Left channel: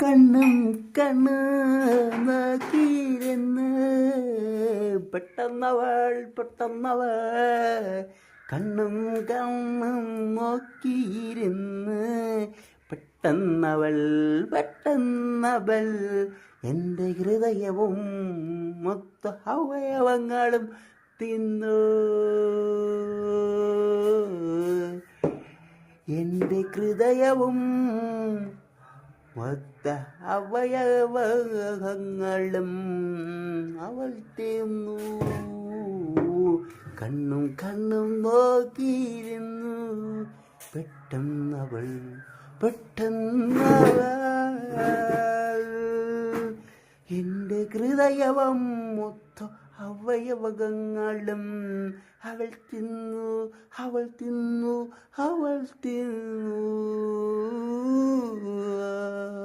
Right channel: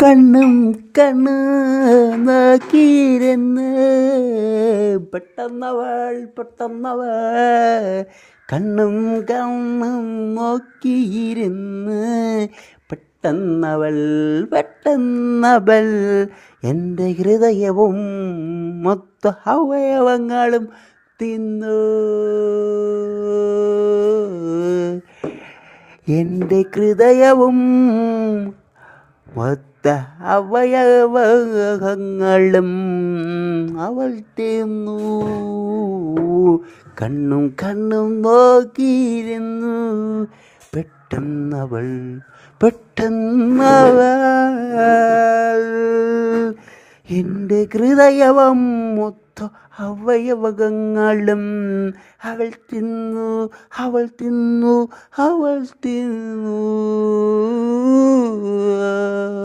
കണ്ണും കണ്ണ് നോക്കിയിരുന്ന് പെട്ടെന്നവൾ കണ്ണും കണ്ണും നോക്കിയിരുന്ന് പെട്ടെന്നവൾ എൻ്റെ ഹൃദയവും മൊത്ത അവയവങ്ങളും തിന്നു. എൻ്റെ ഹൃദയവും മൊത്ത അവയവങ്ങളും അവൾ തിന്നു. കണ്ണും കണ്ണും നോക്കിയിരുന്നു പെട്ടെന്നവൾ എൻ്റെ ഹൃദയവും മൊത്ത അവയവങ്ങളും അവൾ തിന്നു.